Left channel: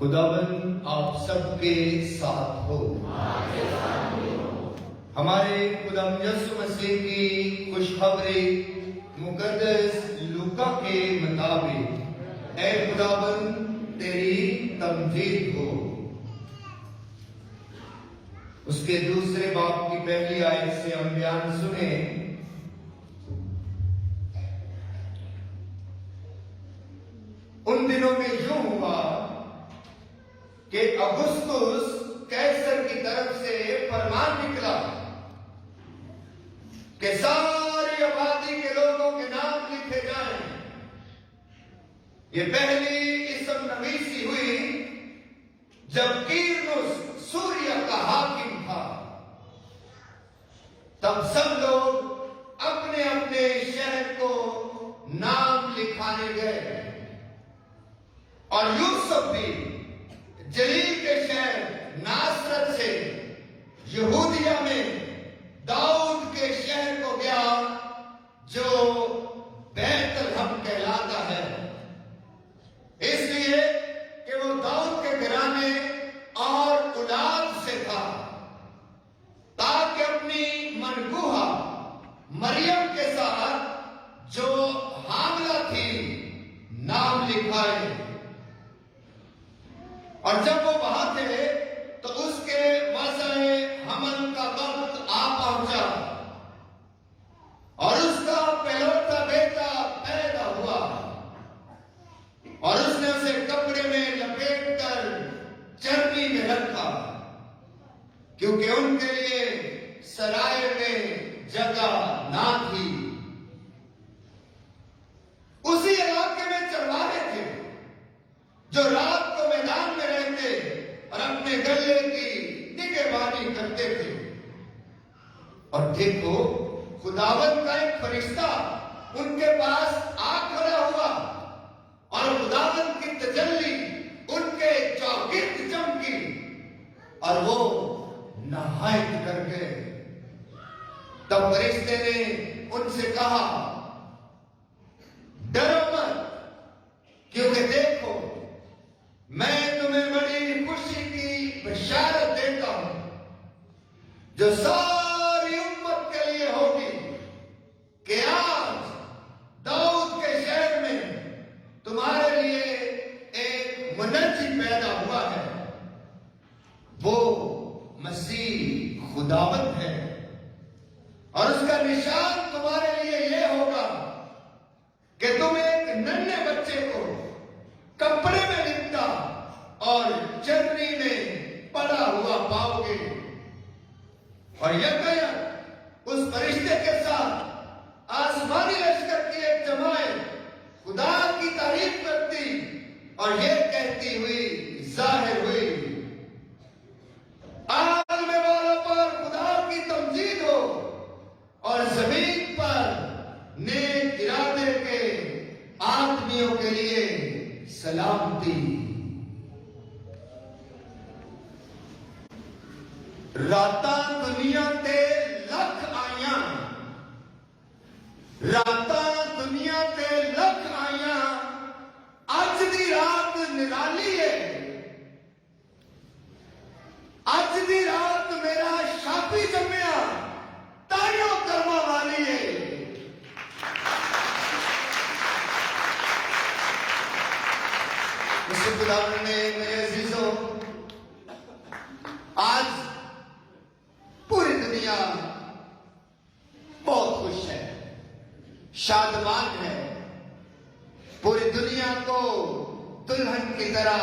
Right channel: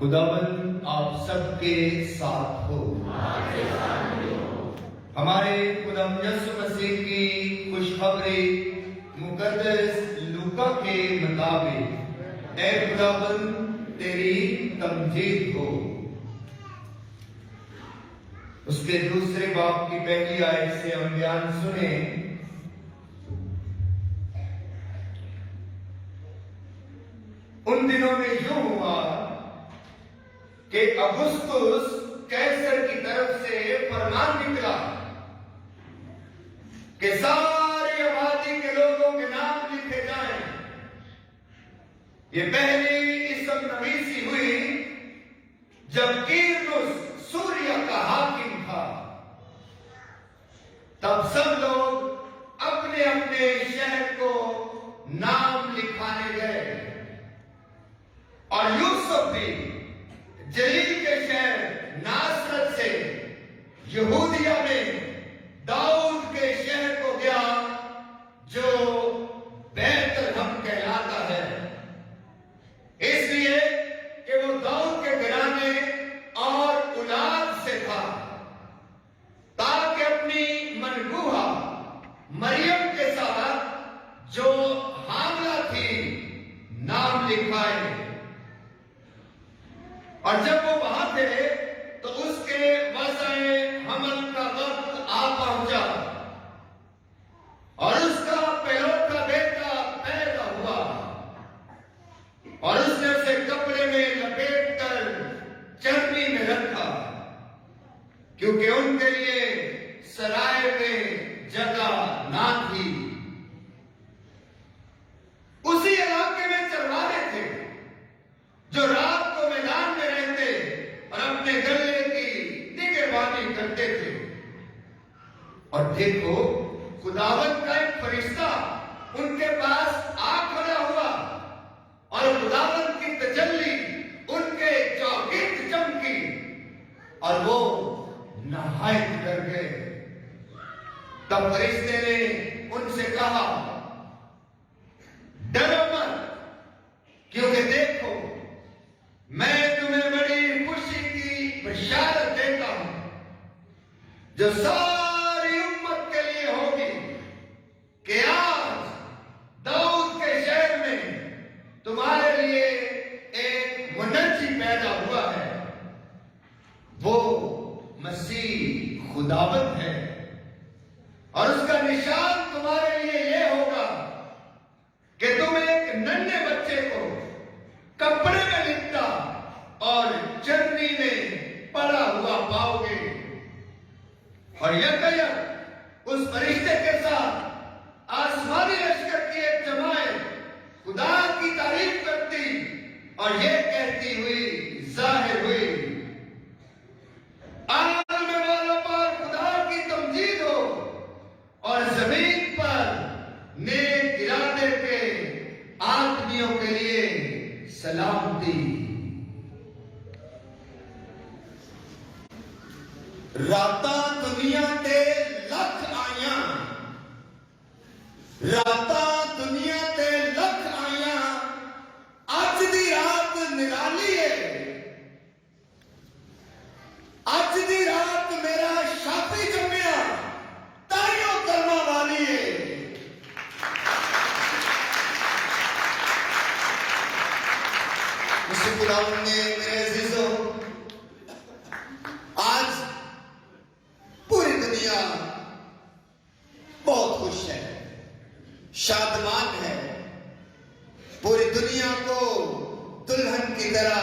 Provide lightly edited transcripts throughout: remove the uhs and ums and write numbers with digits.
خداوند آپ سب کے ساتھ ہو۔ ہمارے خدا یسوع مسیح کی خوشخبری مقدس لوکا کے مطابق اے خداوند تیری تمجید ہو۔ اس کے دوسرے باب کی پہلی آیت سے ہم بیان سنیں۔ ان دنوں میں یوں ہوا کہ اگسطس کیسر کی طرف سے فرمان نکلا کہ ساری آبادی کے لوگوں کے نام لکھے جائیں۔ یہ پہلی اسم نویسی ہوئی جب کیرنس سوریا کا حاکم تھا۔ تب سب لوگ اپنے اپنے شہر کو نام لکھانے گئے، اور یوسف بھی جلیل کے شہر ناصرت سے یہودیہ میں داؤد کے شہر کو گیا جو بیت لحم کہلاتا ہے، اس لیے کہ وہ داؤد کے گھرانے اور اولاد سے تھا، تاکہ اپنی منگوہا مریم کے ساتھ جو حاملہ تھی نام لکھائے۔ اور جب وہ وہاں تھے تو اس کے وضع حمل کا وقت آ پہنچا، اور اس کا پہلوٹا بیٹا پیدا ہوا، اور اس نے اسے کپڑے میں لپیٹ کر چرنی میں رکھا، کیونکہ ان کے لیے سرائے میں جگہ نہ تھی۔ اسی علاقے میں چرواہے تھے جو رات کو میدان میں رہتے اور اپنے گلے کی نگہبانی کرتے تھے۔ اور دیکھو خداوند کا ایک فرشتہ ان کے پاس آ کھڑا ہوا، اور خداوند کی تجلی ان کے چوگرد چمکی، اور وہ نہایت ڈر گئے۔ تب فرشتے نے ان سے کہا، ڈرو مت، کیونکہ دیکھو میں تمہیں بڑی خوشی کی بشارت دیتا ہوں جو ساری امت کے لیے ہوگی، کہ آج داؤد کے شہر میں تمہارے لیے ایک منجی پیدا ہوا ہے، وہ مسیح خداوند ہے، اور اس کا نشان تمہارے لیے یہ ہوگا کہ تم ایک ننھے بچے کو کپڑے میں لپٹا اور چرنی میں پڑا ہوا پاؤ گے۔ اور یکایک اس فرشتے کے ساتھ آسمانی لشکر کی ایک جماعت خدا کی تعریف کرتی اور یہ کہتی ہوئی ظاہر ہوئی، عالم والا پر خدا کی تمجید ہو، اور زمین پر نیک ارادے کے آدمیوں کے لیے سلامتی۔ راتاں دنیا تے لکھ آئیاں، راتاں دنیا تے لکھ آئیاں، اج دی رات نرالی ہے، اج دی رات میرا شافی جمیا تائیوں کرما والی ہے۔ اس خداوند نے میرے عزیزوں آج پوری دنیا بہت خوش ہے، شادمان ہے، پوری دنیا کو دلہن کی طرح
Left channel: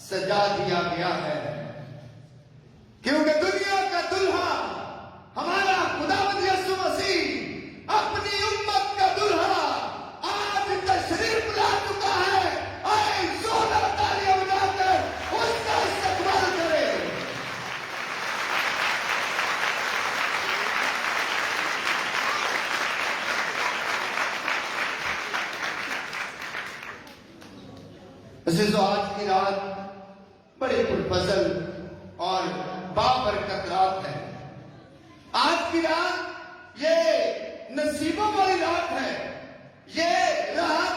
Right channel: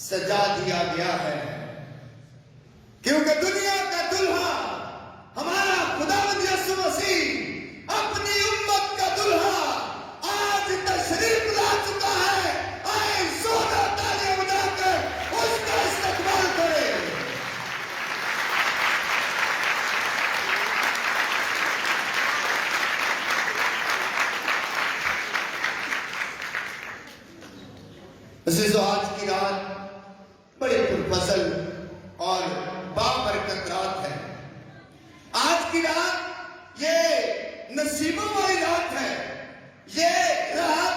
سجا دیا گیا ہے، کیونکہ دنیا کا دلہا ہمارا خداوند یسوع مسیح اپنی امت کا دلہا آج تشریف لا چکا ہے۔ آئے سونا تالیاں بجا کر اس کا استقبال کرے۔ عزیزو، آج کی رات بڑی پرفضل اور بابرکت رات ہے۔ آج کی رات یہ نصیبوں والی رات ہے، یہ رات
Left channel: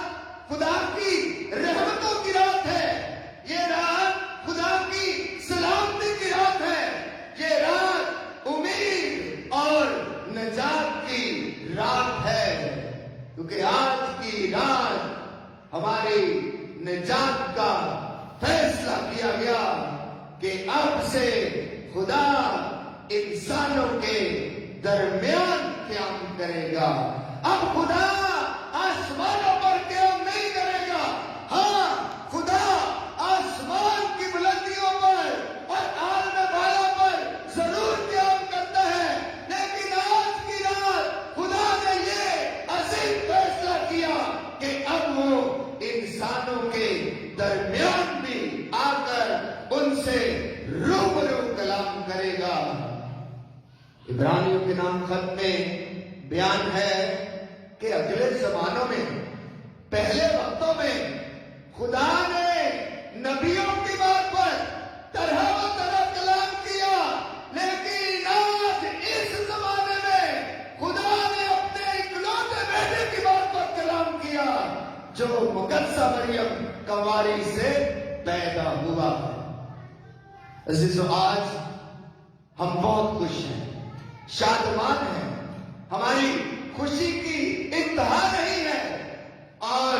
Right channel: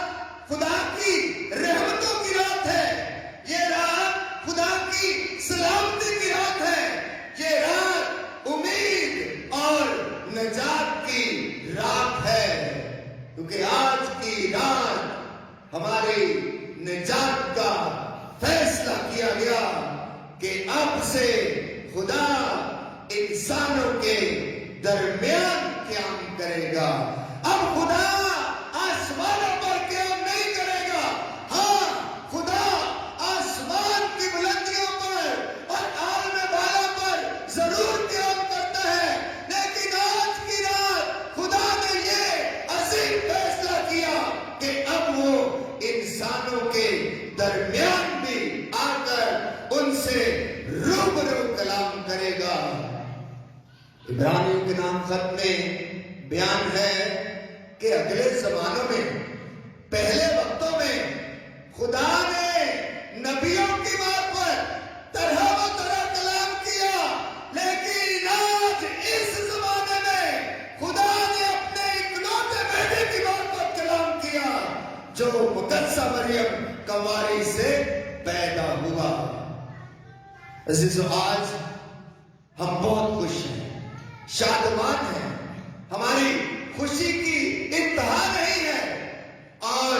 خدا کی رحمتوں کی رات ہے، یہ رات کا فیصلہ کیا گیا کہ اب سے خدا انسانوں کے درمیان قیام کرے گا. اب خدا آسمانوں پر قیام نہیں کرے گا. ہاں، خدا آسمان کی بلندیوں پر اور عالم بالا پر ضرور قیام کرتا ہے، لیکن آج کی رات خدا نے یہ عظیم فیصلہ کیا کہ اب وہ انسانوں کے درمیان بھی آ کر ان سے روبرو کلام کرے گا. عبرانیوں کے نام خط میں بیان ہے کہ اگلے زمانوں میں، پہلے وقتوں میں خدا نے نبیوں کی بات پر طرح و طرح کلام کیا، لیکن آج اس زمانے میں خدا نے اپنے اکلوتے بیٹے کی بات پر کلام کیا جو مقدسہ مریم کنواری سے پیدا ہوا. عزیزو، آج ہم بہت خوش ہیں، شادمان ہیں. ہماری خوشی کی انتہا نہیں ہے اور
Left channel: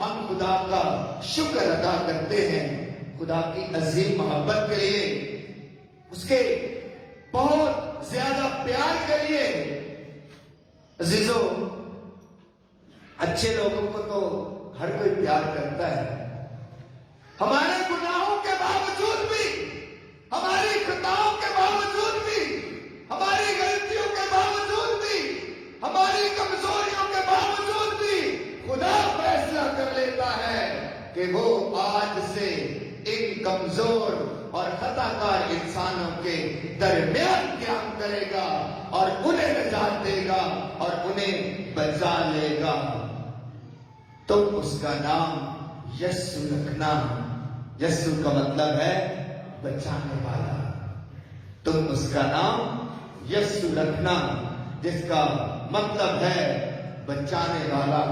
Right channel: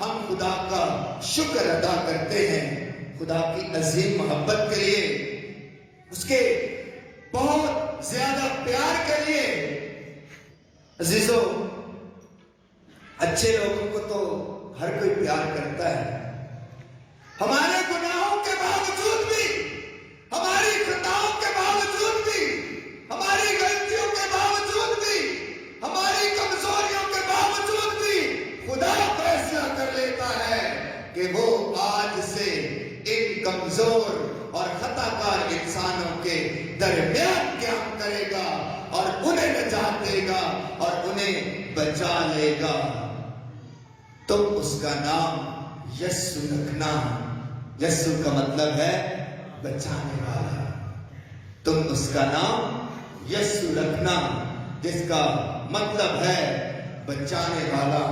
ہم خدا کا شکر ادا کرتے ہیں خدا کی عظیم محبت کے لیے، اس کے بہت زیادہ پیار کے لیے. عزیزو، اچھے لوگوں کو تو ہر کوئی پیار کرتا ہے. ہمارے گناہوں کے باوجود بھی، ہماری خطاؤں کے باوجود بھی، ہماری غلطیوں کے باوجود بھی، ہماری کمزوریوں کے باوجود بھی خدا فیصلہ کر لیتا ہے کہ وہ آج سے ان کمزور اور خطا کار انسانوں کے درمیان قیام کرے گا اور انہیں نجات دے گا اور انہیں بچا لے گا. تم اس کا نام یسوع رکھنا. یسوع کا مطلب ہے بچانے والا. تم اس کا نام یسوع رکھنا، جس کا مطلب ہے بچانے والا.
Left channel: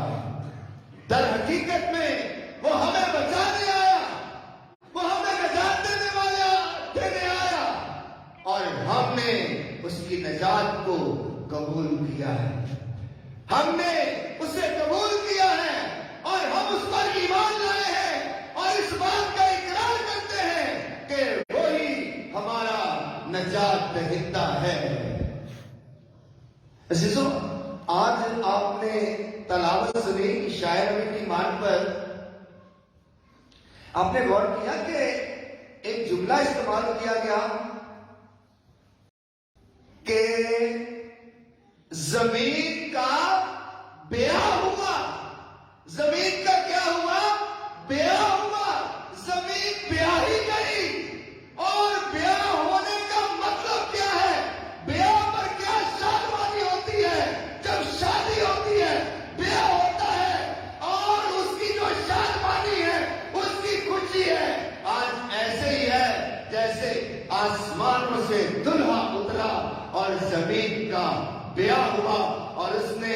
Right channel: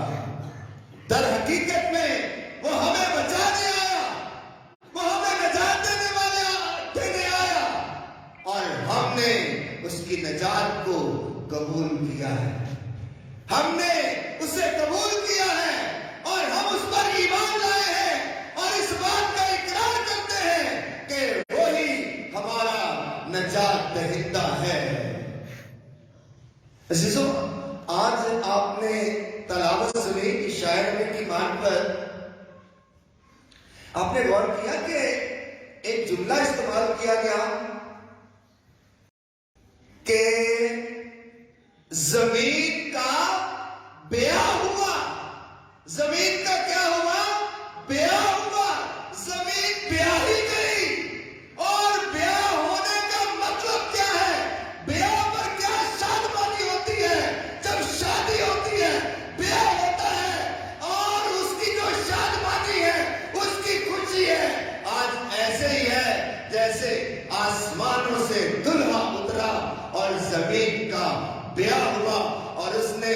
در حقیقت میں وہ ہمیں بچانے آیا، وہ ہمیں نجات دینے آیا اور ہم نے اس کی نجات کو قبول کیا ہے. ہم نے اسے قبول کیا ہے اور ہم اس پر ایمان لائے ہیں اور اس بات کا اقرار کرتے ہیں کہ وہی ہمارا نجات دہندہ ہے. عزیزو، آج آپ نے تلاوت سنی شاعر میں کی مان پر. آپ نے غور کیا کہ ایک جملہ استعمال کیا گیا کہ زمین کا بیاہ ہوا. زمین کا کیا ہوا؟ بیاہ ہوا. زمین بیاہی گئی. اور بیاہ ہونے کا مطلب کیا ہے؟ بیاہ پر کیا شادمانی ہوتی ہے؟ جب شادی ہوتی ہے بیاہ ہوتا ہے اور اس کی جو شادمانی ہے اس کی خوشی ہے. آج ایسے ہی ہے جیسے آسمانوں سے دلہا اترا اور زمین کا بیاہ ہوا اور اس نے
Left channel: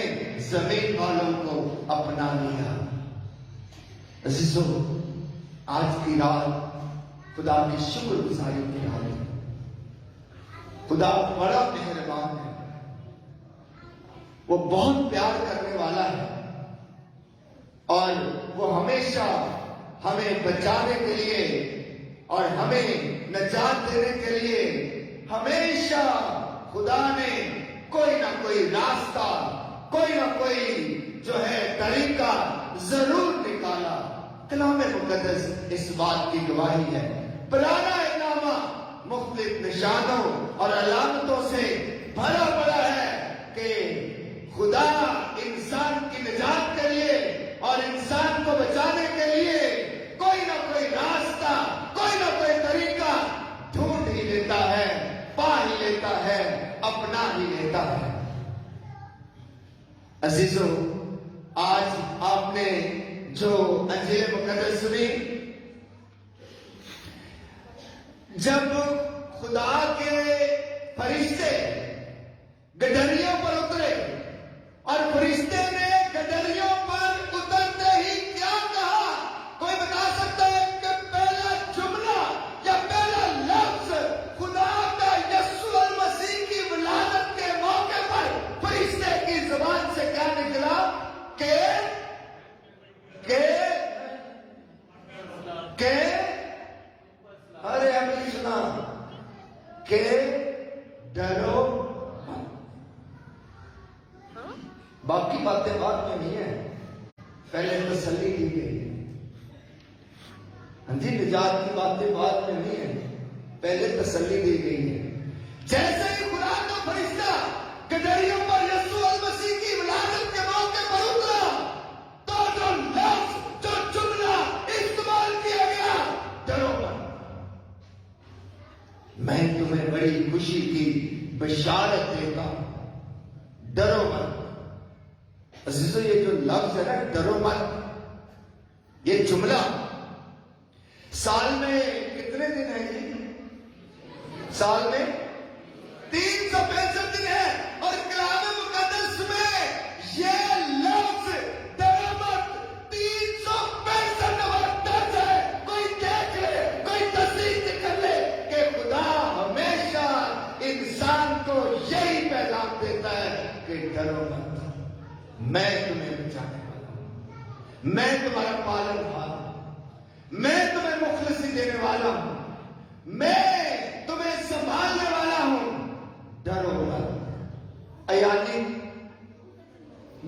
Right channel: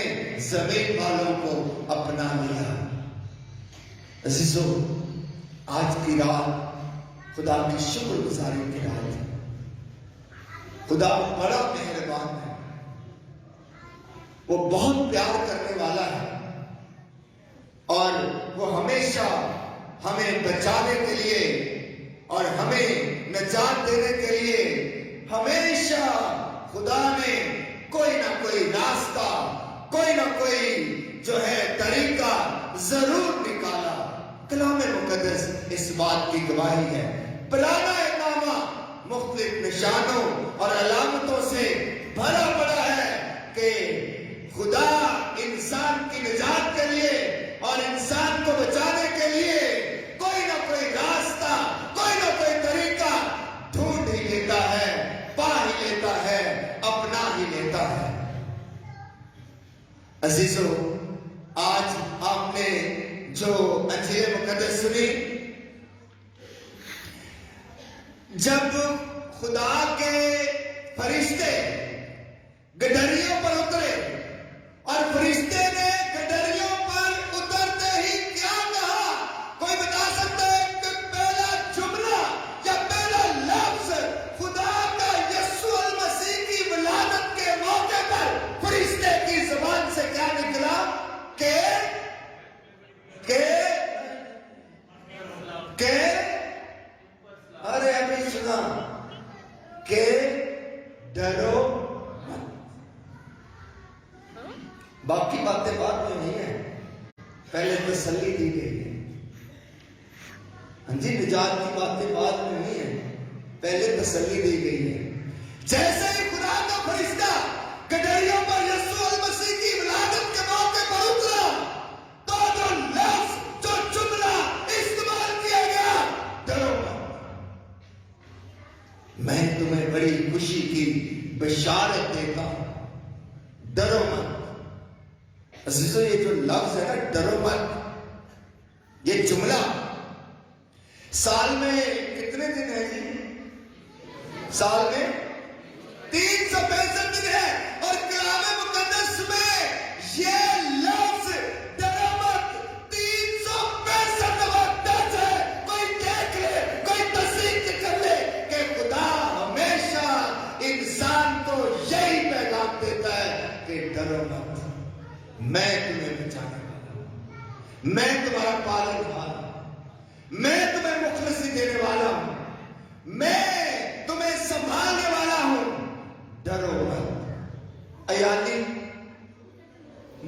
زمین والوں کو اپنا لیا. عزیزو، آج کی رات خدا کی شکر گزاری کی رات ہے. خدا بڑا مہربان ہے، وہ بہت پیار کرنے والا ہے اور وہ ہمیشہ ہمیں بچانے کے لیے اور ہمیں نجات دینے کے لیے ہمیشہ خدا نے کوئی نہ کوئی راستہ، کوئی نہ کوئی جو ہے طریقہ ضرور نکالا. کلام مقدس اس بات کی گواہی ہے. پرانا نامہ مختلف نشانوں اور علامتوں سے بھرا پڑا ہے کہ خدا انسان کی نجات کے لیے اور انسان کو بچانے کے لیے کوئی نہ کوئی راستہ، کوئی نہ کوئی طریقہ ڈھونڈ ہی لیتا ہے، پا ہی لیتا ہے، اپنا ہی لیتا ہے. عزیزو، آج آپ نے جو انجیل مقدس سنی، جب خدا کے فرشتے گدریوں پر اترے اور فرشتے نے گدریوں پر اترتے ہی کیا کہا؟ کوئی بتا سکتا ہے کہ پہلا جملہ یا پہلا لفظ خدا کا یسوع المسیح کی ولادت کے موقع پر فرشتے کی زبان سے کیا نکلا؟ کہ جی نجات کی باتیں بعد میں نہیں ہیں، پہلے تسلی دی گئی ہے۔ جیسے ہی خدا کا فرشتہ گدریوں پر یسوع المسیح کی ولادت کے موقع پر اترا، تو لفظ جو جملہ استعمال کیا گیا، ڈرو مت، میں تمہیں بڑی خوشی کی بشارت دیتا ہوں، ڈرو مت۔ عزیزو یہ جو لفظ ہے نا ڈرو مت، یہ جملہ سال میں کتنے دن ہیں جی؟ سال میں 365 دن ہے، اور کلام مقدس میں یہ لفظ ڈرو مت 365 درج ہے۔ کوئی دیکھ لے، کوئی تصدیق کر لے کہ خدا ہمیشہ انسان کو یہی پیغام دیتا ہے کہ ڈرو مت، میں تمہیں بچانے والا ہوں، میں تمہارا پالن ہار ہوں، میں تمہیں مخلصی دینے والا ہوں، میں تمہیں سنبھالنے والا ہوں، ڈرو مت۔ ایانی،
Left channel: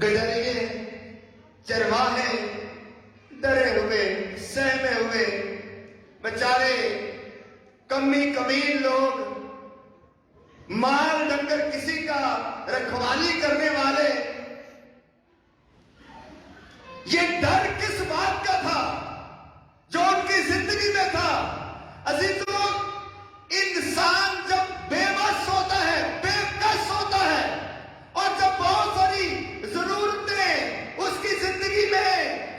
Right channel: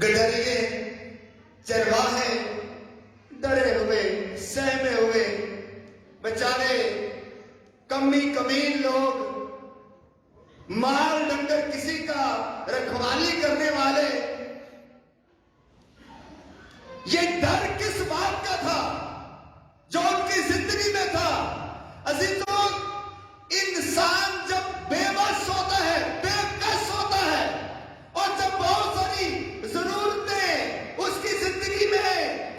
گڈریے، چرواہے ڈرے ہوئے، سہمے ہوئے، بیچارے کمی کمین لوگ، مال ڈنگر کسی کا رکھوالی کرنے والے، یہ ڈر کس بات کا تھا جو ان کی زندگی میں تھا؟ عزیزوں، انسان جب بے بس ہوتا ہے، بے کس ہوتا ہے، اور جب بہت ساری ضرورتیں اس کی زندگی میں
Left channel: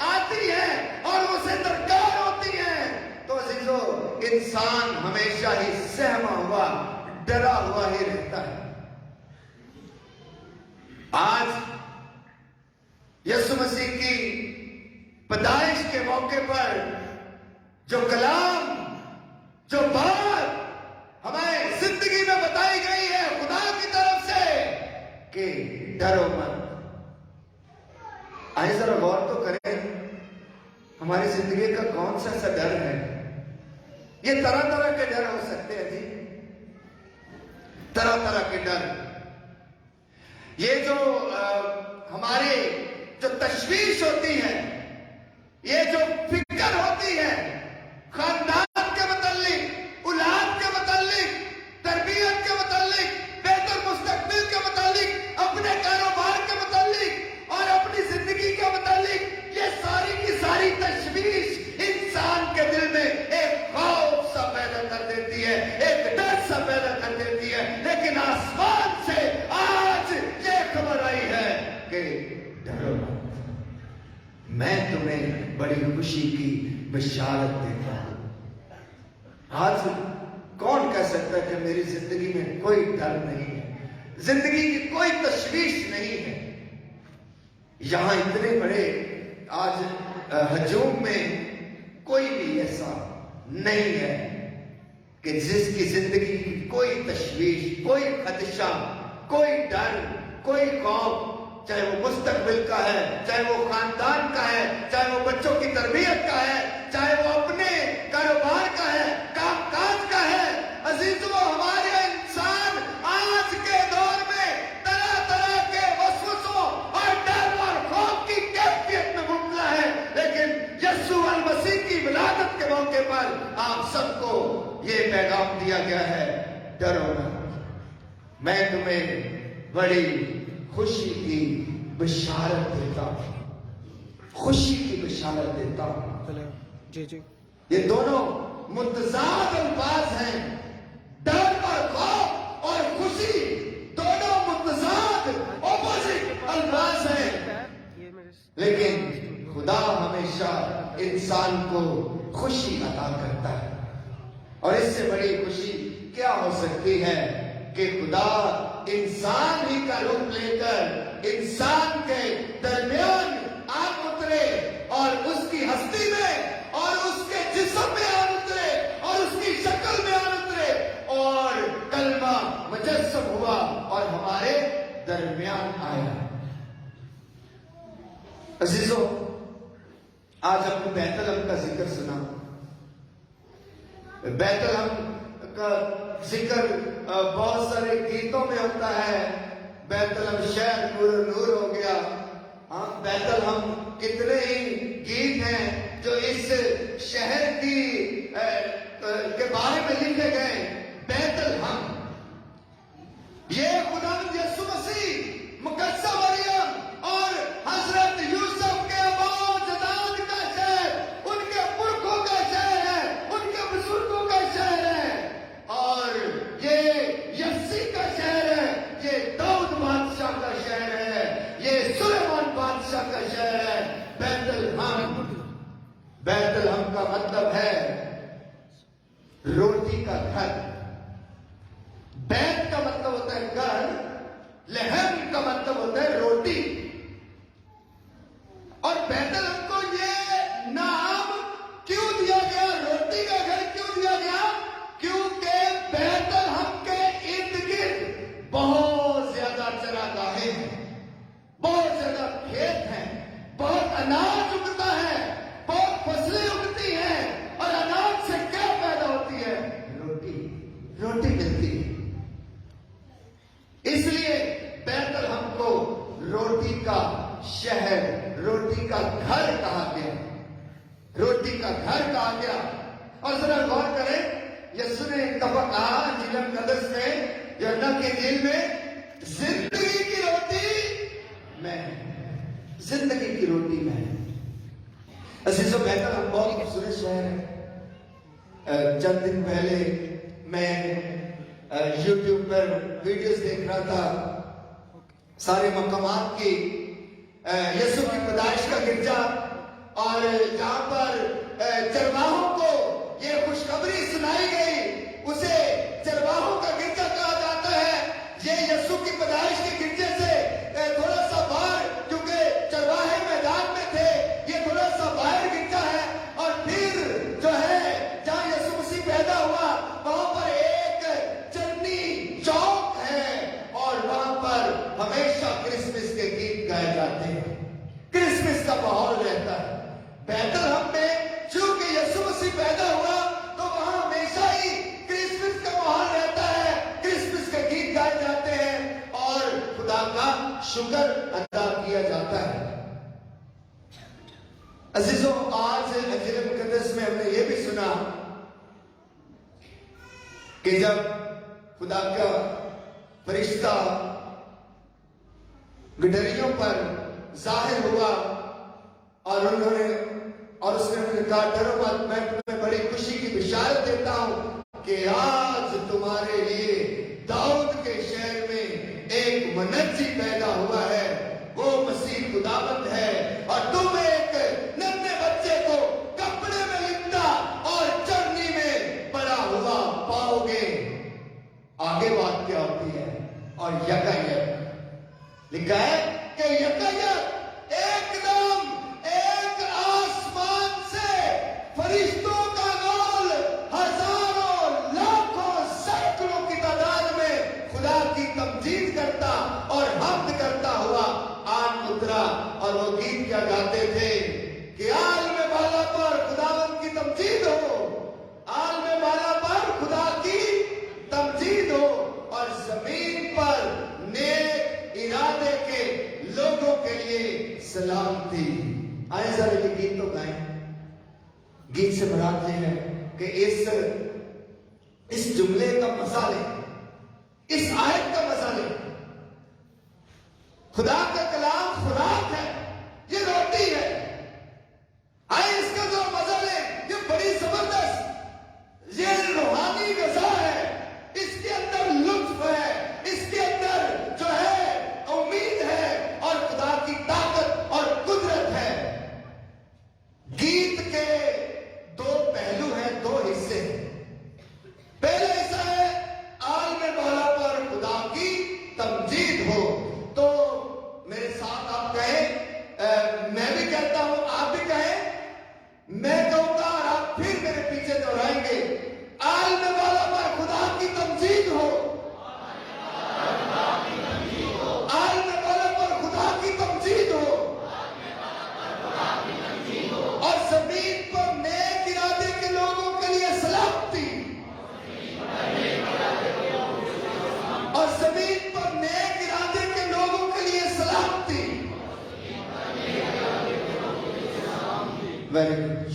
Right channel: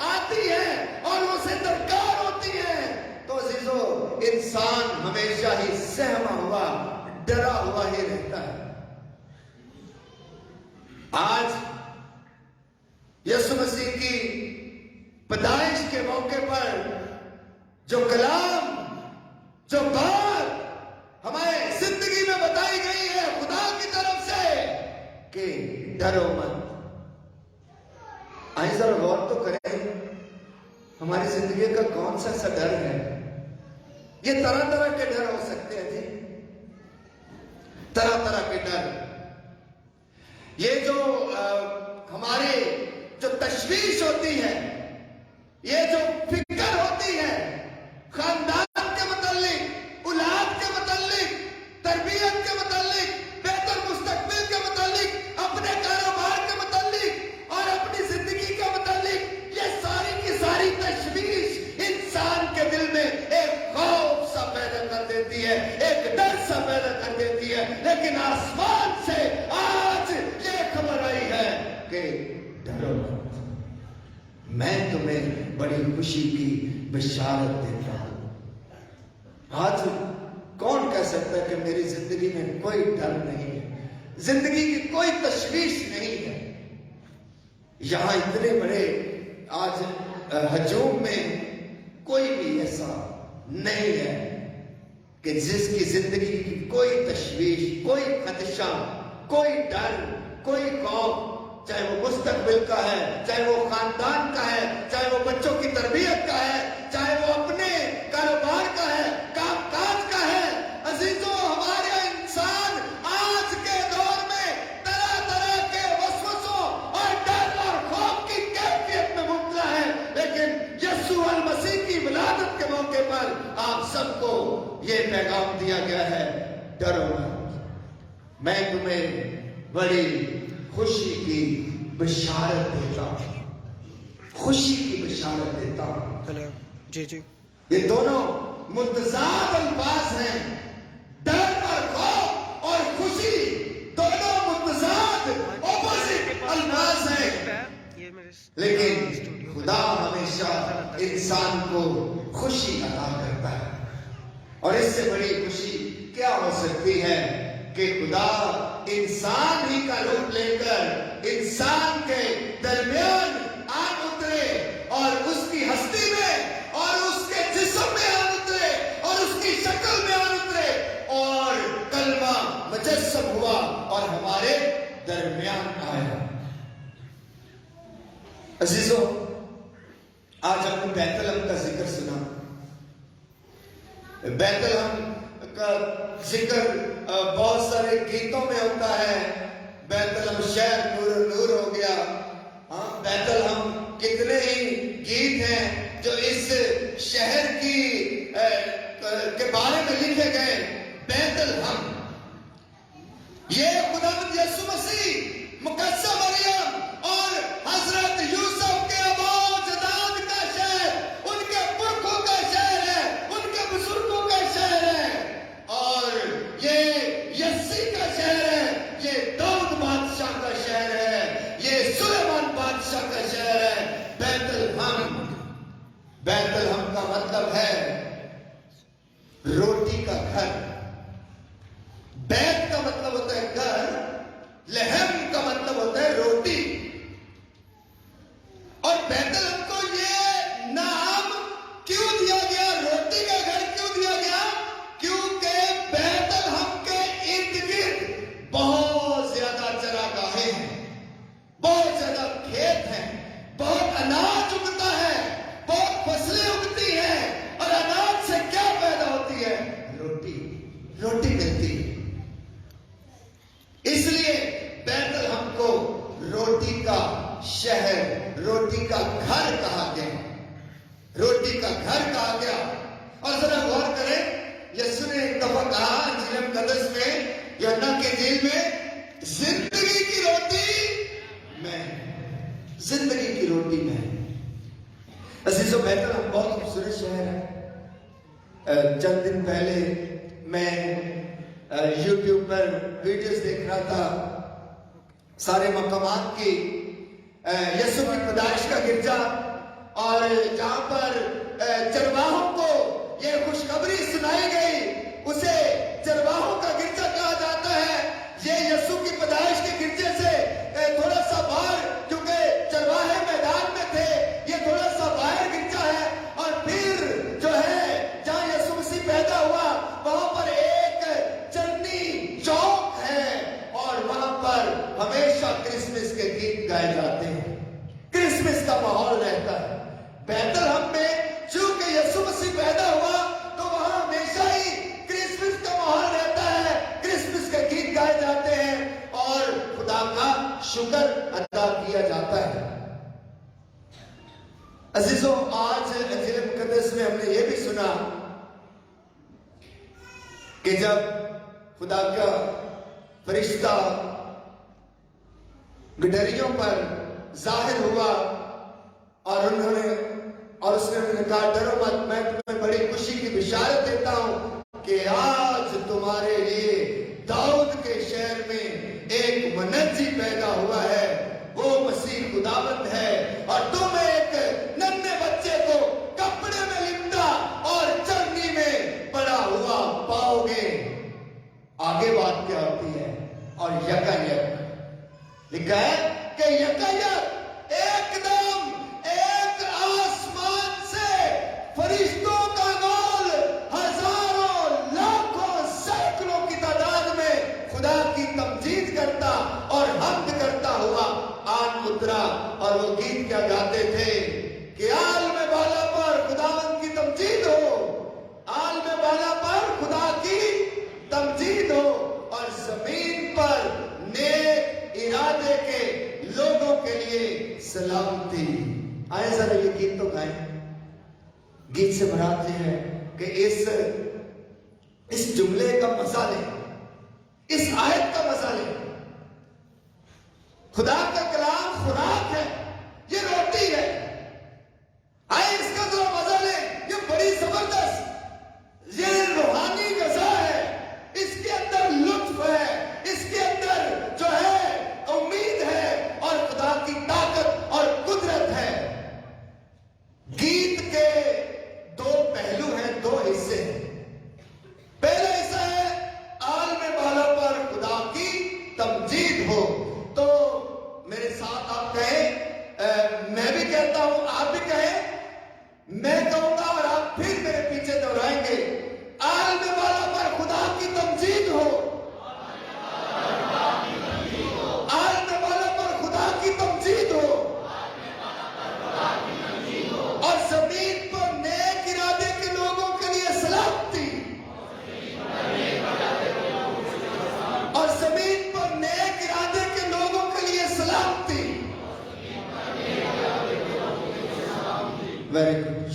آتی ہیں اور اسے درکار ہوتی ہیں، تو عزیزوں انسان ہمیشہ ہی سہما ہوا، ڈرا ہوا ہی رہتا ہے۔ آج یسوع مسیح کی پیدائش کے موقع پر جو کلام، جو بات ہمیں زندگی میں بتائی گئی ہے خدا کی طرف سے کہ ڈرو مت، آئے ذرا غور تو کریں ہماری زندگی کا کون سا ایسا ڈر ہے؟ یہ طرح طرح کے ڈر ہو سکتے ہیں جی، طرح طرح کے ڈر۔ یہ جو ہماری جو تشویش ہوتی ہے، یہ جو فکر ہوتی ہے خاندان کے متعلق، اولاد کے متعلق، تربیت کے متعلق، بہتر مستقبل کے متعلق، اپنے کاروبار کے متعلق اور اپنی زندگی کے متعلق، یہ ساری کی ساری تشویش انسان کے دل میں ایک خوف سا پیدا کر دیتی ہے، ایک ڈر سا پیدا کر دیتی ہے۔ لیکن آسمان سے آج یہ خبر آئی ہے کہ ڈرو مت، میں تمہیں بڑی خوشی کی بشارت دیتا ہوں۔ آج کون کہہ سکتا ہے کہ میری زندگی میں کوئی ڈر نہیں ہے، زندگی کی کوئی تشویش نہیں ہے؟ یہاں اتنے بڑے آج ہجوم میں کوئی بھی ایسا نہیں ہے کہ جس کی زندگی کی کوئی تشویش، کوئی خدشہ، کوئی ڈر، کوئی خوف، چاہے وہ مستقبل کا ہے، چاہے وہ خاندان کا ہے، چاہے وہ بچوں کی تربیت کا ہے، چاہے وہ اپنے کاروبار کا ہے، کام کاج کا ہے۔ عزیزوں، ہمارے انسان آج کے دور میں طرح طرح کے وسوسوں اور ڈر اور خوف کی کیفیت میں مبتلا ہے، لیکن یسوع المسیح کی ولادت کے موقع پر آپ سب کو یہ پیغام دیا گیا ہے، ڈرو مت، میں تمہیں بڑی خوشی کی بشارت دیتا ہوں، خوشی کی بشارت دیتا ہوں۔ جی جی، یہ دونوں متضاد الفاظ ہیں، ڈر اور خوف اور خوشی دونوں متضاد اپوزٹ الفاظ ہیں، لیکن خدا ہمیشہ انسان کو خوشی عطا کرتا ہے۔ اور اس سے بڑی خوشی کیا ہو سکتی ہے کہ خدا انسان ہی کا روپ لے کر انسان کے درمیان آ اترے اور اس کی ہستی میں اور اس کے جسم میں آ اترے اور اس کی شکل میں آ اترے اور کلمہ مجسم ہوا اور ہمارے درمیان آیا۔ عزیزوں، آج ہم نے بیت الحم کا ذکر سنا۔ بیت الحم کا ذکر بہت سارے گیتوں میں ہوتا ہے۔ بیت الحم شہر نور نور ہو گیا۔ بیت الحم کتنے ہی گیت ہیں جو اس شہر کے بارے میں لکھے گئے، بیت الحم، یہ خداوند یسوع مسیح، مقدسہ مریم اور حضرت یوسف کے آباء و اجداد کا شہر، ان کے پرکھوں کا شہر ہے، ان کے بزرگوں کا شہر ہے، اور یہ یسی کا شہر ہے، یہ داؤد بادشاہ کا شہر ہے، یہ سلیمان بادشاہ کا شہر ہے۔ بیت الحم، بیت الحم کا مطلب ہے روٹی کا گھر۔ بیت کا مطلب ہوتا ہے گھر، لحم کا مطلب ہوتا ہے روٹی۔ اور بیت الحم کو یہ نام کیوں دیا گیا، روٹی کا گھر کیوں دیا گیا؟ کیونکہ بیت الحم کے ارد گرد بہت زیادہ چراگاہیں ہیں، بہت زیادہ کھیت ہیں، بہت اناج اگتا ہے، بہت فصلیں اگتی ہیں، اور اناج سے کیا پیدا ہوتی ہے؟ روٹی، روٹی ملتی ہے۔ اس لیے بیت الحم کو روٹی کا شہر، روٹی کا گھر کہا گیا، روٹی کا گھر کہا گیا۔ اور ذرا غور کریں، یسوع نے ایک دفعہ کہا انجیل مقدس میں، یوحنا کی انجیل میں، زندگی کی روٹی میں، زندگی کی روٹی میں۔ عزیزو، بیت الحم بہت خوبصورت شہر ہے۔ چند دن پہلے میں یوٹیوب پر ویڈیوز دیکھ رہا تھا، سارے مقامات کی، یسوع کی پیدائش کا گرجا، اور جہاں پر چرواہوں کو یہ خوشخبری سنائی گئی، اسے چرواہوں کا گرجا کہا جاتا ہے۔ یہ یسوع کی پیدائش کے گرجے سے تھوڑا سا باہر، کیونکہ چرواہے میدان میں تھے، یہ تھوڑا سا باہر گرجا ہے۔ اور پھر جو ہے جہاں یسوع مسیح پیدا ہوا، وہاں پر ایک چندی چوک ہے، اور وہاں پر ہمیشہ کرسمس کے گیت گائے جاتے ہیں، کرسمس کا ماحول رہتا ہے۔ بیت الحم میں چونکہ یسوع مسیح پیدا ہوا، تو وہاں ہمیشہ ہی کرسمس کا ماحول رہتا ہے، کرسمس کے گیت گائے جاتے ہیں، اور خدا کا شکر ادا کیا جاتا ہے۔ عزیزو، آج انجیل مقدس میں ہم نے یہ بھی سنا کہ جب خدا کا فرشتہ گڈریوں پر ظاہر ہوا، اور اس نے کہا، ڈرو مت، میں تمہیں بڑی خوشی کی بشارت دیتا ہوں کہ آج تمہارے لیے داؤد کے شہر میں ایک منجی پیدا ہوا ہے، وہ مسیح خداوند ہے، اور تم ایک ننھے بچے کو کپڑے میں لپٹا اور چرنی میں پڑا ہوا پاؤ گے۔ آگے بات کیا ہوتی ہے؟ اور یکایک لکھا ہے کہ یکایک ایک دم ایک آسمان سے فرشتوں کا گول، ہزاروں، لاکھوں، سینکڑوں کی تعداد میں خدا کی تمجید کرتا اور حمد کرتا ہوا آن اترا، اور وہ گیت کیا گاتے تھے کہ عالم بالا پر خداوند کی تمجید ہو، عالم بالا پر خدا کی تمجید ہو، اور زمین پر نیک ارادے کے لوگوں کے لیے سلامتی۔ آئے ذرا یہ گیت تو گائیں۔ گیت سے مراد یہ ہے کہ اس جملے کا مزہ لیں، اس آیت کا مزہ لیں۔ خدا کا کلام خوراک ہے، یہ روٹی ہے۔ آئے اس کا ذرا مزہ لیں، یہ بڑی زبردست، یہ روحانی غذا ہے، اس کے اندر لطف ہے، اس کے اندر جو ہے امید ہے، اور خدا کی طاقت اور قدرت ہے۔ گیت کے دو پہلو ہیں، دو حصے ہیں۔ پہلا حصہ ہے عالم بالا پر خدا کی تمجید ہو، تو میرے ساتھ آپ کہیں، میں بھی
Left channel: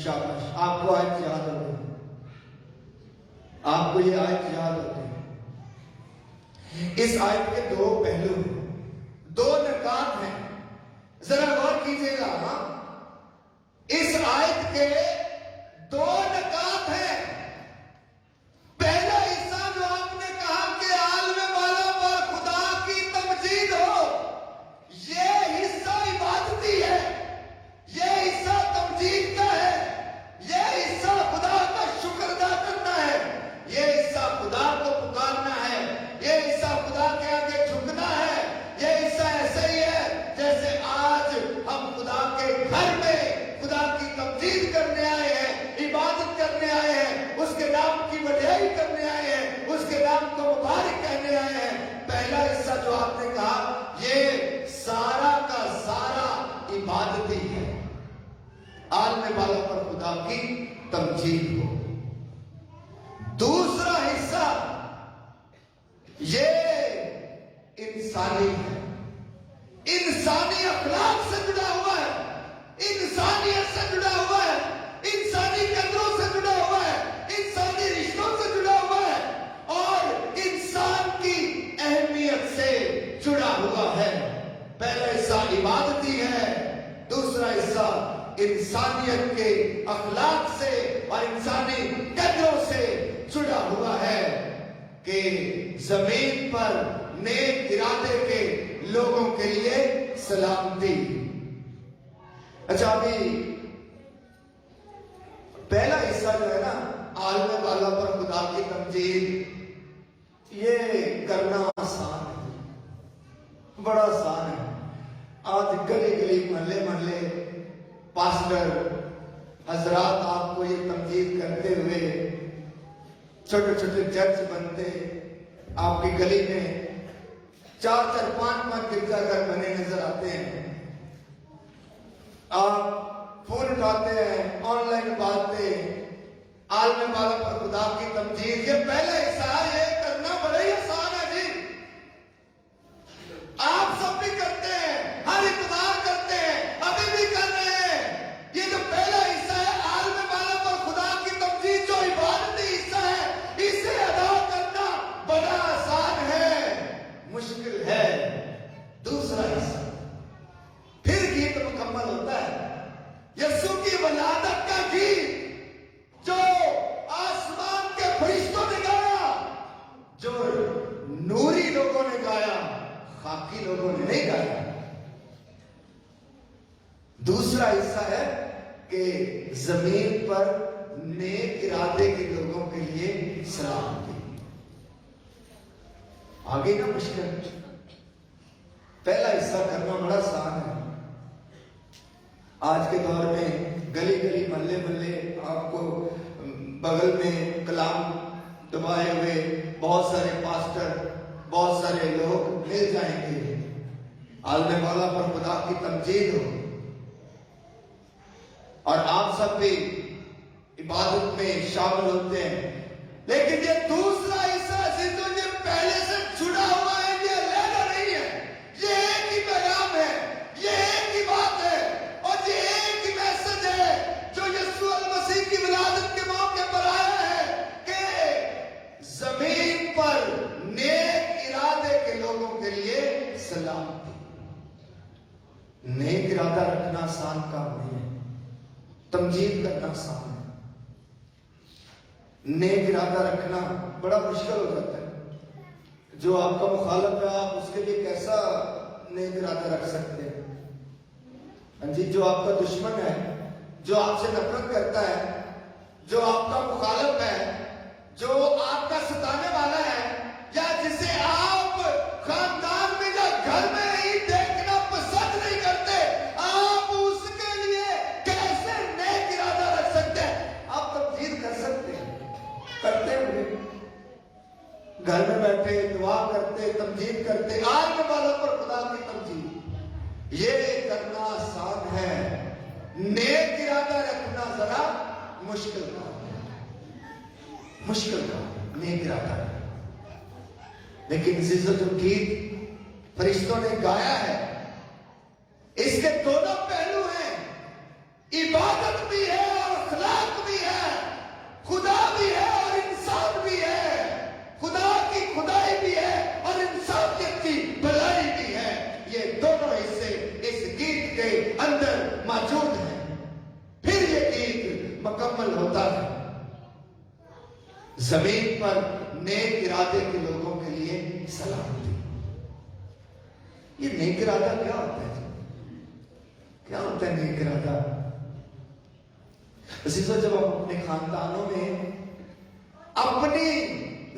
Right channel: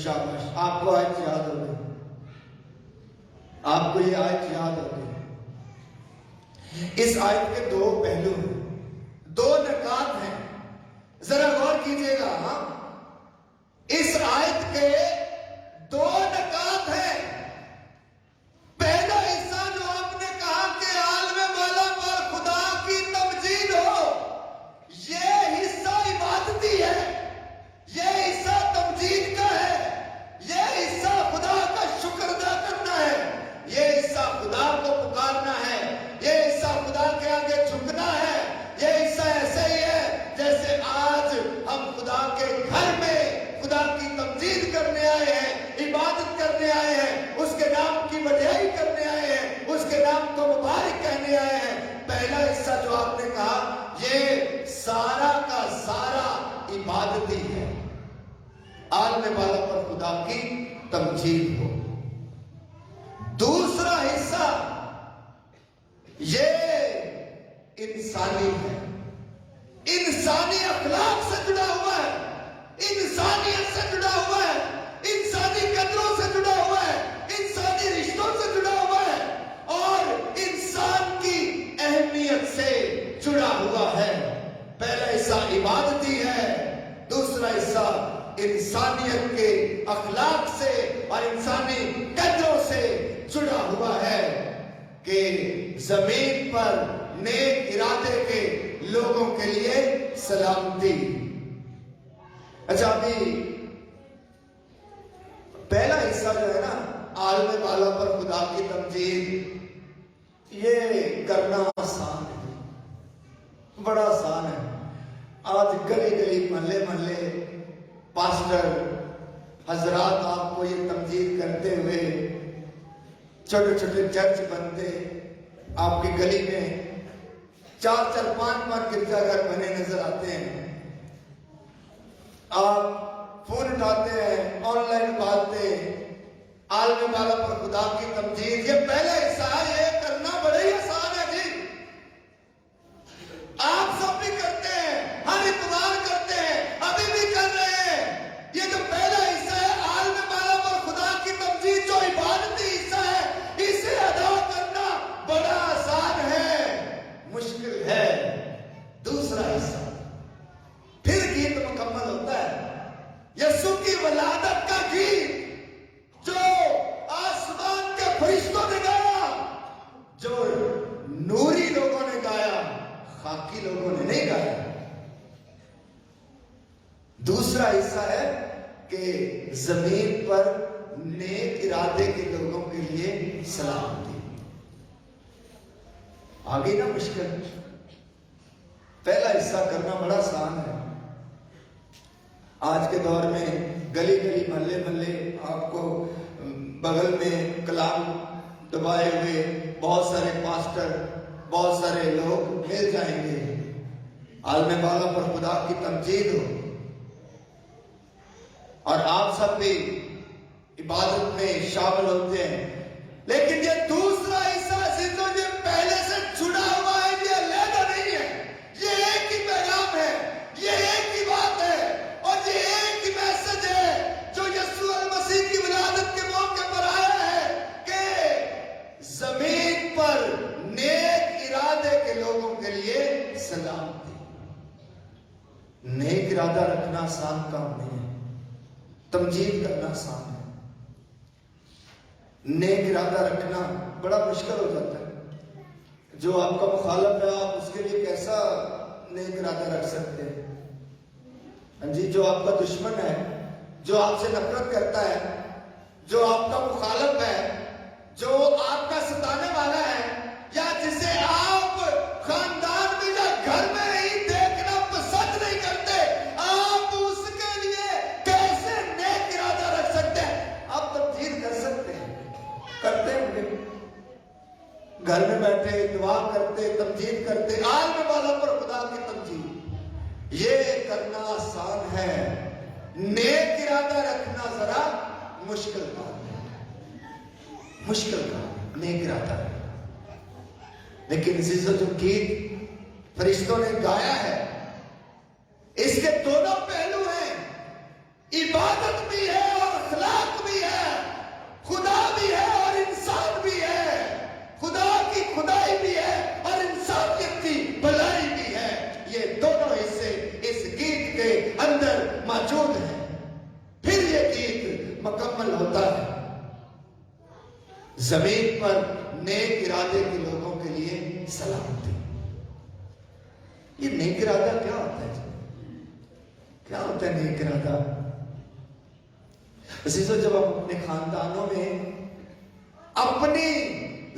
شاباش، آپ کو آیت یاد ہو گئی، آپ کو یہ آیت یاد ہو گئی۔ اس آیت کے دو پہلو ہیں، دو نکات ہیں، ذرا غور کیجئے گا۔ اس آیت کے دو نکات ہیں۔ پہلا حصہ جو آپ نے کہا کہ عالم بالا پر خدا کی تمجید ہو، یہ حصہ عبادتی ہے، یہ حصہ تمجید کا ہے، یہ حصہ خدا کا شکر ادا کرنا ہے، یہ حصہ خدا کو پکارنا ہے، یہ حصہ خدا کے آگے جھکنا ہے۔ یہ حصہ ایسے ہی ہے جیسے آج ہم خدا کے گھر میں خدا کی تمجید کرنے آئے ہیں، عبادت کرنے آئے ہیں، اس کے نام کی بڑائی کرنے آئے ہیں، اس کے نام کو مبارک کہنے آئے ہیں۔ پہلا حصہ جو آپ نے کہا یہ سارا کا سارا عبادتی ہے، عالم بالا پر خدا کی تمجید ہو۔ دوسرا حصہ یہ انسانی ہے، انسانی اخلاق سے جڑا ہوا ہے، انسانیت سے جڑا ہوا ہے، انسانی قدروں سے جڑا ہوا ہے، انسانی رشتوں سے جڑا ہوا ہے، اور انسان کی اہمیت سے جڑا ہوا ہے۔ پہلا حصہ عبادتی ہے، دوسرا حصہ انسانیت کے اخلاق سے اور انسانی قدروں سے جڑا ہوا ہے کہ زمین پر نیک ارادے کے لوگوں کے لیے سلامتی۔ اچھا، ابھی پہلا حصہ جو ہے نا، عالم بالا پر خدا کی تمجید، یہ کرنا آسان ہے، بڑا آسان ہے۔ آج گلی گلی محلے محلے پاسٹر حضرات آپ کو یہ تمجید کرتے ہوئے، چھوٹے چھوٹے چرچ بنتے، آپ کی گلی میں 4 5 گرجا گھر بنے نظر آتے ہیں۔ آپ فون اٹھاتے ہیں، آن لائن باتیں، عالم بالا پر خدا کی تمجید، یہ پہلا حصہ ہے، یہ کرنا بڑا ہی آسان ہے جی۔ آپ سب بھی کرتے ہیں، ہر اتوار کرتے ہیں، ابھی بھی کر رہے ہیں۔ یہ جو پہلا حصہ ہے عالم بالا پر خدا کی تمجید، جو عبادتی حصہ ہے، اسے ادا کرنا بڑا آسان ہے، مشکل ہے دوسرا حصہ۔ پھر گیت مکمل ہوتا ہے، یسوع کی ولادت کا گیت جو آسمان کے فرشتوں نے گایا، جو نوری لوگوں نے گایا، خاکی لوگوں نے نہیں گایا۔ دوسرا حصہ ہے کہ زمین پر نیک ارادے کے لوگوں کے لیے سلامتی۔ آگے نا مشکل، پہلا حصہ کرنا بڑا آسان ہے۔ آج کے دور میں گلی گلی محلے محلے آپ کو بغل میں کلام دبائے ہوئے بہت سارے پاسٹر، بہت سارے لوگ مل جائیں گے، عالم بالا پر خدا کی تمجید ہو، اور آپ سب بھی عبادت میں شامل ہوتے ہیں۔ لیکن یہ دوسرا حصہ عزیزوں، یہ پہلے سے جڑا ہوا ہے، یہ علیحدہ نہیں ہے، یہ ایک ہی پیغام ہے، یہ ایک ہی بات ہے، اور یہ ایک ہی میسج ہے جو یسوع المسیح کی ولادت کے موقع پر آیا ہے کہ زمین پر نیک ارادے کے لوگوں کے لیے سلامتی۔ نیک ارادہ رکھنا آسان کام نہیں ہے، تمجید کرنا آسان ہے، نیک ارادہ رکھنا بڑا مشکل ہو جاتا ہے۔ جو آپ کا مخالف ہے، آپ اس کے لیے کیسا نیک ارادہ رکھ سکتے ہیں؟ جی، جو آپ کا دشمن ہے، جو آپ سے نفرت کرتا ہے، جو آپ کا مخالف ہے، جو آپ کا ستانے والا ہے، یا جسے آپ خاندان میں یا گھر میں ہی دیکھنا پسند نہیں کرتے، آپ اس کے لیے کیسے نیک ارادہ رکھ سکتے ہیں؟ آپ تمجید کر سکتے ہیں، کرتے ہوئے گھر میں بیٹھے دعا کرتے، تمجید کرتے، عالم بالا پر خدا کی تمجید، یہ کرنا آسان ہے، نیک ارادہ رکھنا ذرا مشکل کام ہے، مشکل کام، نیک ارادہ۔ لیکن عزت الگیت فرشتوں نے گایا ہے، اس کے دونوں پہلو ہیں، عبادت بھی ہے اور زمین پر نیک ارادے کے لوگوں کے لیے سلامتی۔ یہ نیک ارادہ کیا ہوتا ہے؟ کیا ہوتا ہے نیک ارادہ؟ عزیزو، جب ہم اپنے خاندانوں میں اپنی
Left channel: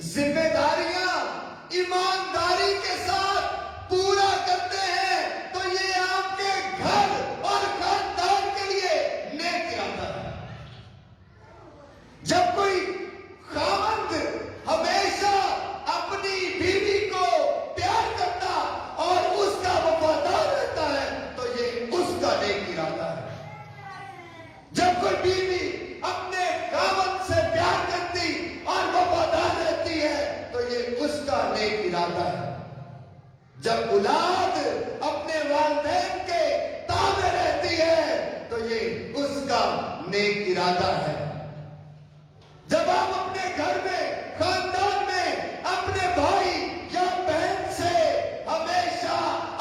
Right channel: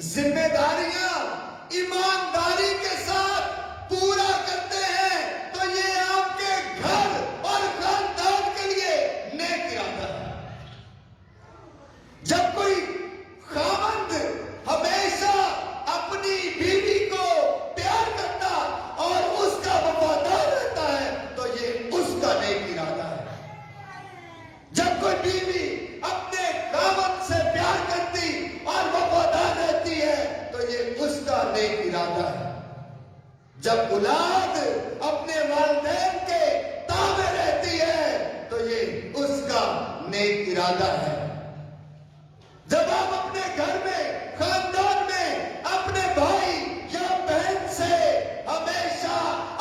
ذمہ داریاں ایمانداری کے ساتھ پورا کرتے ہیں تو یہ آپ کے گھر اور خاندان کے لیے نیک ارادہ ہے۔ جب کوئی خاوند ہمیشہ اپنی بیوی کو پیار کرتا اور اس کا وفادار رہتا ہے تو یہ اس کا نیک ارادہ ہے۔ جب کوئی بیوی اپنے خاوند سے پیار کرتی اور وفادار رہتی ہے تو یہ اس کا نیک ارادہ ہے۔ جب اولاد اپنے والدین کے تابع رہتی ہے تو یہ اس کا نیک ارادہ ہے۔ جب آپ اپنے گھر میں، خاندان میں اپنے بھائی یا بہن سے ہمیشہ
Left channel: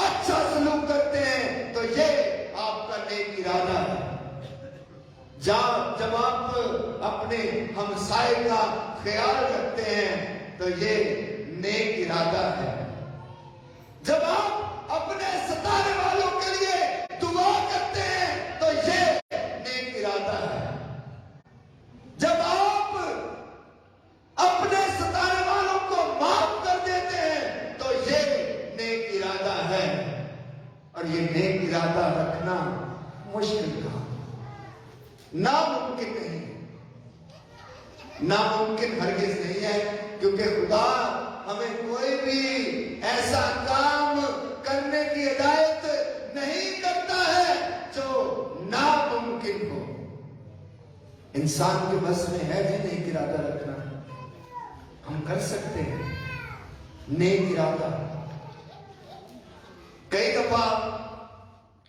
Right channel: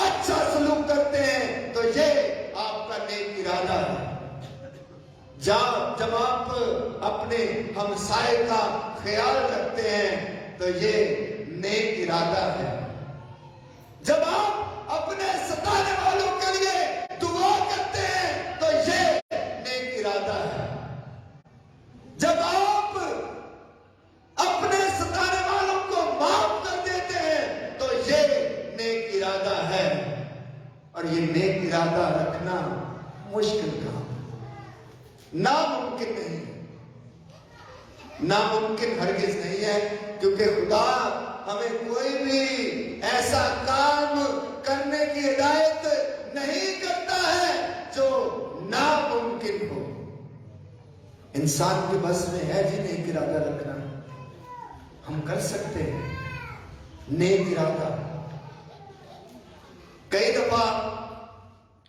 اچھا سلوک کرتے ہیں تو یہ آپ کا نیک ارادہ ہے۔ جب آپ اپنے ہمسائے کا خیال رکھتے ہیں تو یہ نیک ارادہ ہے۔ جب آپ اپنے ستانے والوں کے لیے دعا کرتے ہیں تو یہ نیک ارادہ ہے۔ جب آپ اپنے ستانے والوں کو معاف کر دیتے ہیں تو یہ نیک ارادہ ہے۔ اور یہ نیک ارادہ رکھنا مشکل کام، ناممکن نہیں، ناممکن ہرگز نہیں ہے، کیونکہ خدا ہمیں کوئی بھی ایسا کام کرنے کی ہدایت نہیں کرتا ہے جو ناممکن ہو۔ انسان کے بس میں ہے جی نیک ارادہ رکھنا، ہم کر سکتے ہیں نیک ارادہ۔ کئی دفعہ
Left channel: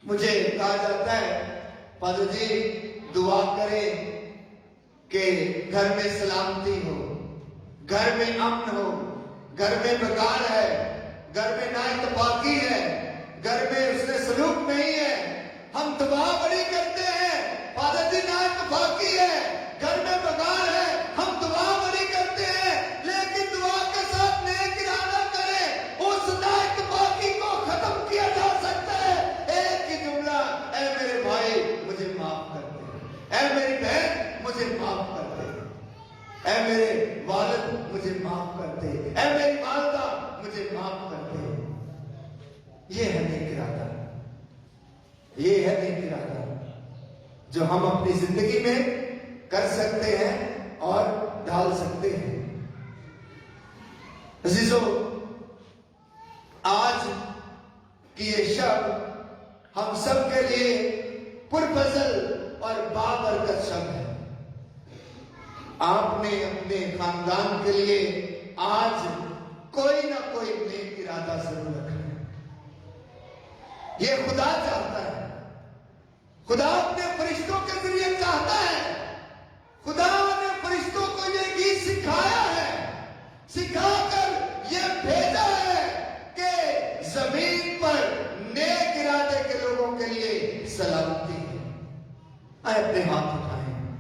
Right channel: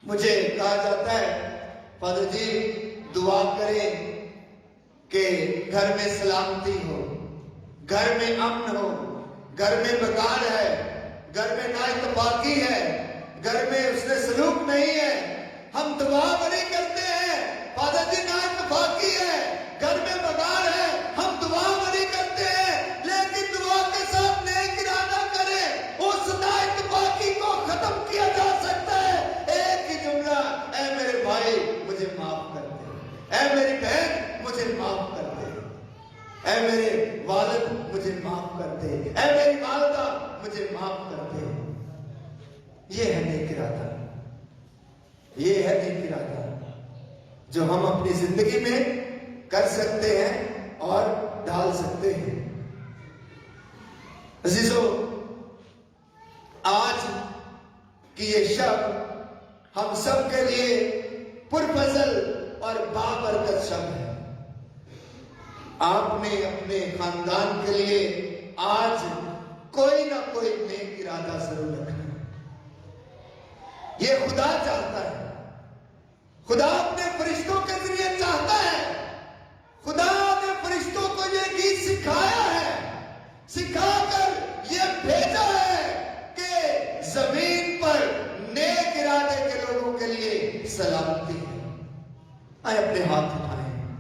مجھے کہا جاتا ہے فادر جی دعا کریں کہ گھر میں سلامتی ہو، گھر میں امن ہو، گھر میں بکار ہے، گھر میں نا اتفاقی ہے، گھر میں اس نے سلوک نہیں ہے۔ ہم دعا بڑی کرتے ہیں فادر جی نا اتفاقی ہے، گھر میں بکار ہے، ہم دعا بڑی کرتے ہیں، لیکن دعا کے ساتھ نیک ارادہ کریں، اس نا اتفاقی کو ختم کیا جا سکتا ہے ایک ہی جملہ، اے میرے بھائی مجھے معاف کر دے، اے میری بہن مجھے معاف کر دے، اے میرے والد مجھے معاف کر دے، اے میری والدہ مجھے معاف کر دے۔ یہ ہے نیک ارادہ، یہ ہے نیک ارادہ جو ہم اپنی زندگی میں کر سکتے ہیں اور ڈھال سکتے ہیں۔ عزیزو، آج کی یہ شب ہم سب کے لیے پرفضل اور بابرکت شب ہے۔ آپ نے اپنے خاندان کے لیے آج کوئی نہ کوئی نیک ارادہ ضرور رکھنا ہے۔ یہ خدا چاہتا ہے، خدا اپنے فرشتوں کے ذریعے چاہتا ہے، خدا نے فرشتوں کو یہ گیت سکھایا ہے، سکھا کر یہ بھیجا ہے کہ زمین پر نیک ارادے کے لوگوں کے لیے سلامتی ہے۔ آئے اپنے ہاتھ اٹھائیں،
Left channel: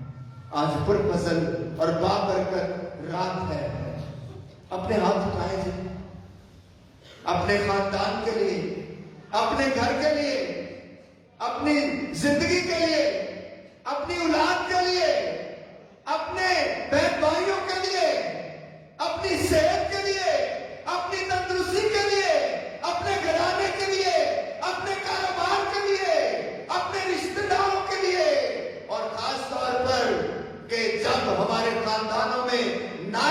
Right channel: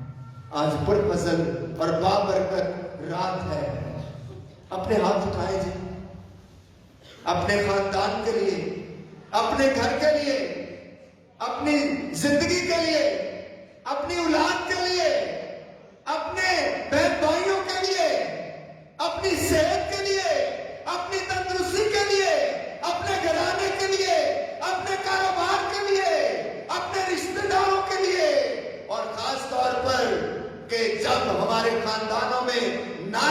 آج پرفضل اور بابرکت رات ہے، اپنے ہاتھ اٹھائیں جی، اپنے خاندان کے لیے، اپنے گھر کے لیے، اپنی زندگی کے لیے، اپنی اولاد کے لیے، اپنے بہن بھائیوں کے لیے، اپنی صحت کے لیے، اپنی تندرستی کے لیے، اپنے گھرانے کے لیے، اپنے کاروبار کے لیے، اپنے رشتہ داروں کے لیے، اور خاص طور پر کہ جب ہمارے خاندانوں میں نا